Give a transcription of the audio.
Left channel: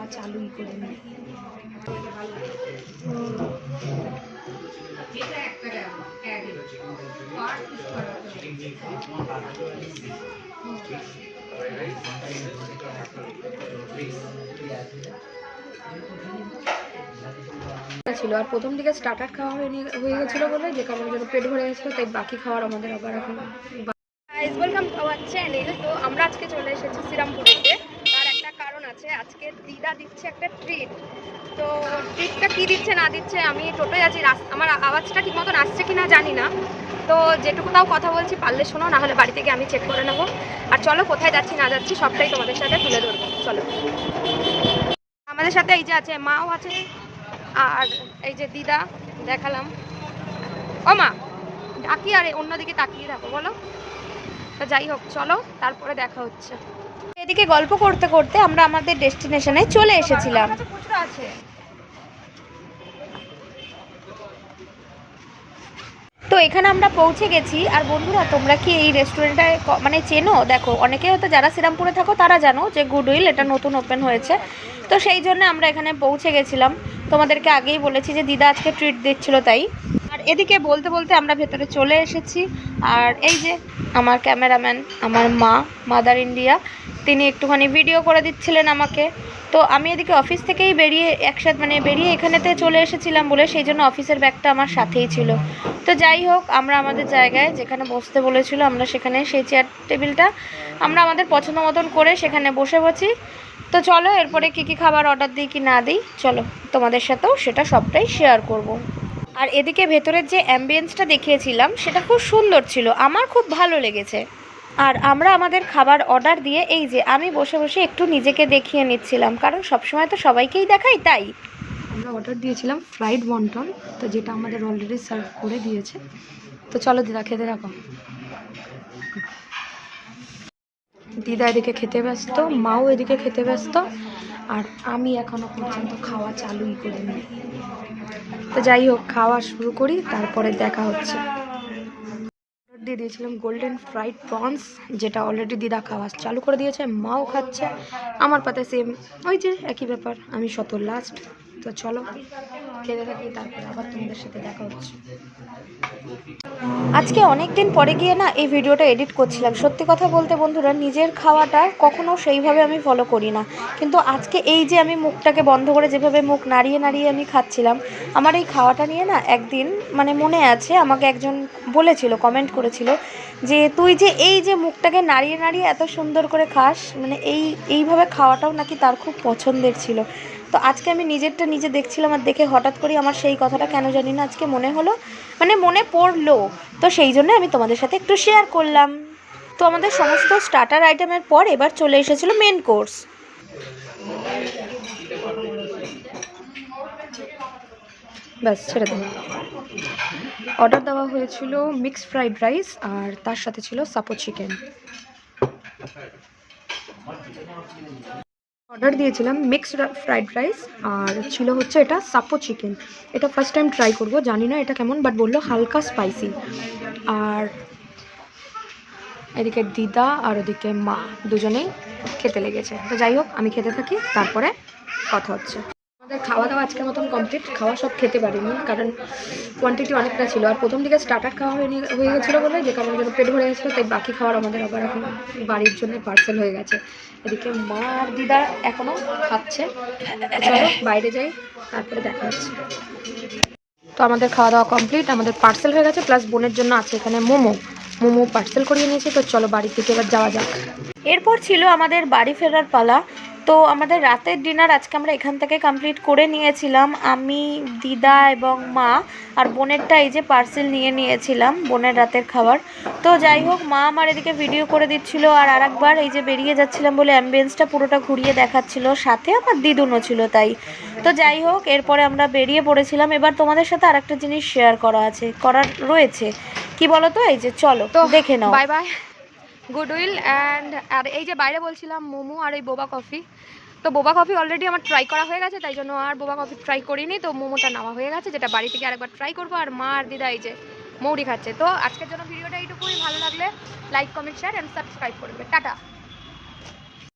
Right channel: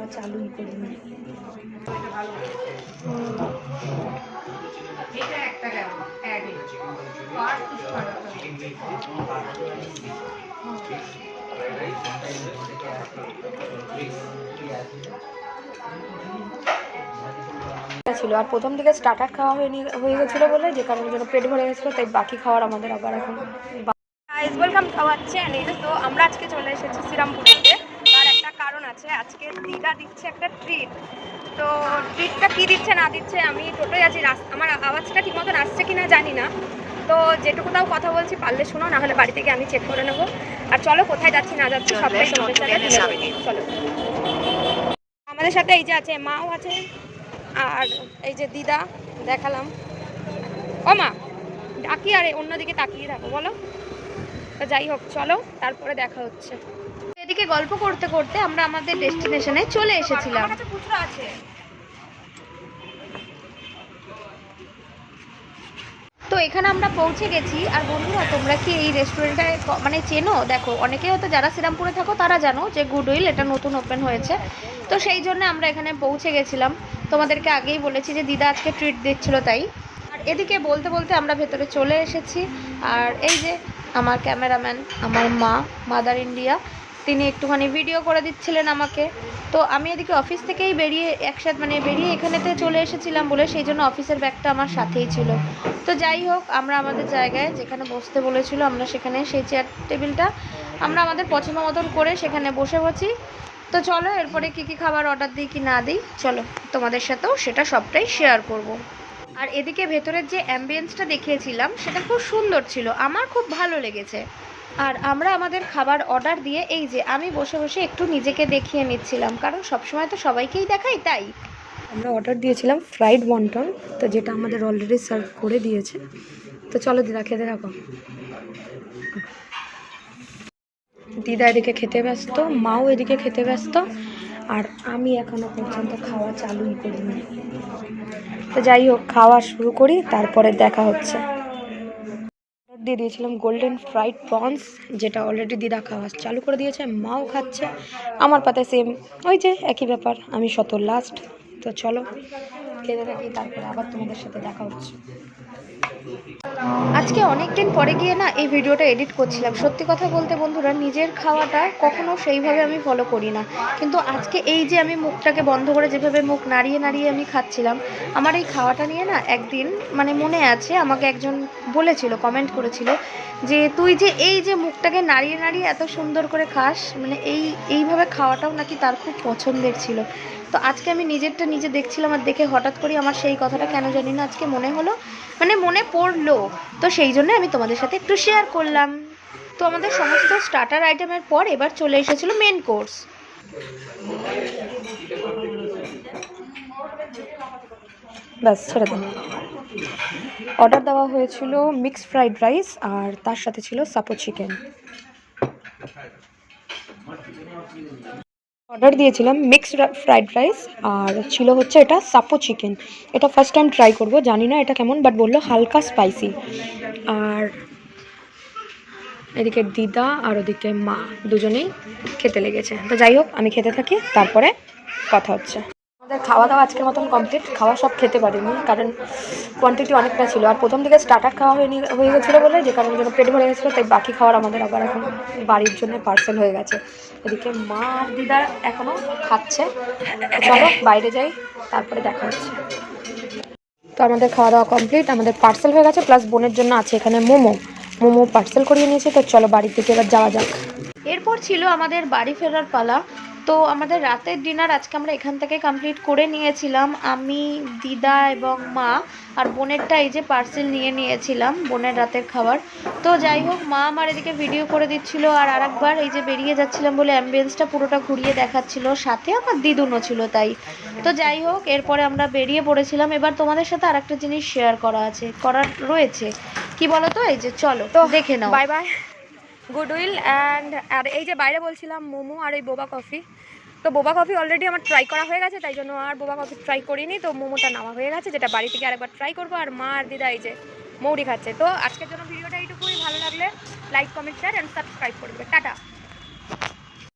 খাওয়া চালুই করিনি। ছিল আর প্রথম দিকে স্টার্টার খাওয়া হয়ে গেছিলো বলে, যে কারণের জন্য পেট ভরে গেছিলো, তাই বাকি খাওয়ার আমাদের আবার এখন। Welcome to our channel. তো আমরা আজকে চলে এসেছি শ্রীরামপুরেতে। তার একটা কারণ আছে, আজকে দিদা দিচ্ছে একটা ট্রিট। তো ট্রিটটা কী দিচ্ছে না দিচ্ছে, আমি টোটোয় আছি, আমার আওয়াজটা ঠিক মতন আসছে কি না জানি না। তো যেটুকু তাও কথা বলছি, পারলে শোনো, না হলে বাড়ি থেকে আমি চেক করে নেবো। আর চলো কোথায় যাচ্ছি না যাচ্ছি সবটাই তোমাদের সাথে তুলে ধরবো। চলো, আমাদের সাথে এই যে আছে, মাও আছে, আর এই যে দিদা দেখালাম। ও মা, ডাকি আর অন্যদিকে তাকিয়ে থাকো, বলো। তো যাই হোক, চলো তারপরে দেখা হচ্ছে। এদিকে গল্প করতে করতে আমরা আমাদের ডেস্টিনেশনে চলে এসেছিলাম। তো এখানে আমরা পৌঁছে গেছি। আর বন্ধুরা, তোমরা কি এই রেস্টুরেন্টটায় মানে চেনো? দেখো, অনেকে হয়তো যারা শ্রীরামপুরে থাকো তারা জানো যে গুডউইল এটা নতুন ওপেন হয়েছে। তো সেই জন্য আমরা এখানে পৌঁছে গেছিলাম। তোমাদেরকে আগেই বলেছি যে দিদা আজকে ট্রিট দিচ্ছিল তাই। আর এদিকে বলতে বলতে আমরা ভেতরে চলে এসেছি। আর এই যে আমার ক্যামেরাম্যান, আমার মা, মাদার ইন্ডিয়া, তিনি একটুখানি ভিডিও করে দিচ্ছিলেন আমাকে। তো আমি এদিকে অফিস থেকেই বেরিয়ে বেরিয়ে এখানেতে চলে এসেছিলাম বলে সেই জন্য অফিসের ব্যাগটা আমার সাথেই ছিল। তো যাই হোক, আমরা আমাদের জায়গায় যেখানে বসতে বলেছিল আমরা সেখানে সেই চেয়ার টেবিলটা আমরা আমাদের পছন্দ মতন করে সেখানে বসে বসি। তো চলো এরপরে কী খাবার অর্ডার দিই কি না দিই, চলো তোমাদের সাথেও সেটা সবটাই শেয়ার করব। আর এদিকে ভেতরের যে অ্যাম্বিয়েন্সটা দেখিয়েছিলাম সেটা খুব সুন্দর ছিল, আমার খুব ভালো লেগেছে। আর আমরা আমাদের খাবার অর্ডার দিয়ে এই যে আমি বসে বসে একটু নিজেকে দেখিয়ে নিচ্ছিলাম, কারণ সবসময় তো সবাইকেই দেখাই তাই। আমরা অর্ডার দিয়েছিলাম ফ্রাইড ওয়ান্টন, তো যেটা আমাদের অলরেডি সার্ভ করে দিয়েছে। তো চলো দিদা, খেতে থাকো। দিদা এদিকে খেতে ব্যস্ত, মাও এদিকে খেতে ব্যস্ত, আর আমি এখনো পর্যন্ত খাওয়া চালুই করিনি। তো যাই হোক, খাওয়া শুরু করি, তারপরে দেখা হচ্ছে। অর্ডার দিয়ে দিয়েছিলাম গোল্ডেন ফ্রাইড প্রনস, যেটা অলরেডি দিদা খাওয়া চালু করে দিয়েছে, মাও খাচ্ছে। আমার পাতে সেম ওই যে একই ব্যাপার, আমি শত লাস্ট। তো চলো খেতে থাকি, তারপরে আবার তোমাদের সাথে দেখা হচ্ছে। আজকে অনেক দিন পরে গিয়ে না এই ভিডিওটা এডিট করছিলাম। সত্যি কথা বলতে বন্ধুরা, নিজের খাওয়াটা কখনো সেইভাবে আমি ফলো করি না, কিন্তু আজকে এই যে আমি মুখটাকে বন্ধ করে যেভাবে মুখ নাড়িয়ে নাড়িয়ে আমি খাচ্ছিলাম, আমার এই খাওয়াটা নিয়ে না একদিন মানে মনে আছে, আমাকে একজন বলেছিল, কমেন্ট করেছিল যে তুই যে এই যে মুখটাকে নাড়িয়ে নাড়িয়ে এত সুন্দর করে খাস, মানে এইভাবে খাওয়াটাও নাকি তার খুব পছন্দের ছিল। তো আজকে আমি নিজেরটা নিজে দেখছিলাম, আর দেখে হঠাৎ করে আমার সেই কথাটা কেন জানি না আজকে মনে হলো, মানে মনে পড়লো। তো সেই জন্য আমি তোমাদের সাথে একটু শেয়ার করলাম। তো আমাদের সমস্ত স্টার্টার আইটেমের পর এবার চলে এসেছিলো মেন কোর্স। ব্যাস, ছেড়ে দিন। অর্ডার দেওয়া হয়েছিল মিক্সড ফ্রাইড রাইস, আর তার সাথে ছিল সাপো চিকেন। অর্ডার দিয়েছিলাম মিক্সড ফ্রাইড রাইস, আর ছিল হচ্ছে এটা সাপো চিকেন। এটা ফার্স্ট টাইম ট্রাই করব, জানি না এটা কেমন, বাট বললো হালকা স্পাইসি। আর এদিকে দিদা আর ওদিকে মা দুজনেই খেতে লেগেছে। তো যাই হোক, আমি খেতে থাকি, তারপরে কথা হচ্ছে। আমাদের খাওয়া দাওয়া আজকের মতন কমপ্লিট। খাওয়া সব খেতে পারিনি, কারণ কোয়ান্টিটি অনেকটা ছিল, আর প্রথম দিকে স্টার্টার খাওয়া হয়ে গেছিলো বলে, যে কারণের জন্য পেট ভরে গেছিলো, তাই বাকি খাওয়ার আমাদের আবার এখন বাড়ির জন্য পার্সেল হয়ে গেছে। এদিকে মা আর দিদা এখনও খাচ্ছে। চলো বাইরে যাই, তারপরে দেখা হচ্ছে। তো আমাদের খাওয়া দাওয়া কমপ্লিট, আমাদের পার্সেল হয়ে গেছে, প্লাস বোনের জন্য আছে এখানে মোমো পার্সেল করিয়ে নিয়েছি। তো চলো বাড়ির দিকে এবার যাওয়া যাক। এরপর ছিল আমাদের বাড়ি ফেরার পালা। তো আমাদের রাতের ডিনার আজকে আমরা এখান থেকে কমপ্লিট করে নিয়েছিলাম, আমি, দিদা এবং মা। আর বোনেরটা এই যে পার্সেল নিয়ে নিয়েছিলাম, বোনের রাতের খাবার। তো যাই হোক, মা আমার এদিকে ভিডিও করে দিচ্ছিল, আর আরেকবার এই যে বেরিয়ে যাচ্ছিলাম বলে অ্যাম্বিয়েন্সটা পুরোটা ঘুরিয়ে দেখাচ্ছিল, সাথে আমার দিদুনও ছিল তাই। তো যাই হোক, এরপরে আমরা বেরিয়ে পড়েছিলাম। এবার তোমাদের সাথে আরেকটা জিনিস শেয়ার করার রয়েছে, কি বলো তো, এই যে চলো তো দেখে নাও। Bye bye goodwill. আর এই যে বাইরে বলছিলাম মোমো আর এই বোবা কফি। তো বোবা কফি অলরেডি আমার ট্রাই করা হয়ে গেছে, তাই জন্য আর বোবা কফি ট্রাই করিনি। তো মোমোটা নেওয়া হয়ে গেছে, যেটা বাড়ি থেকে আরেকবার ট্রাই করবো। আর মা আর দিদা এই যে মৌরি খাচ্ছে। তো আজকের জন্য ভিডিওটা এইটুকুই। ভালো লাগলে like, comment, share and subscribe করে দেবে। টাটা।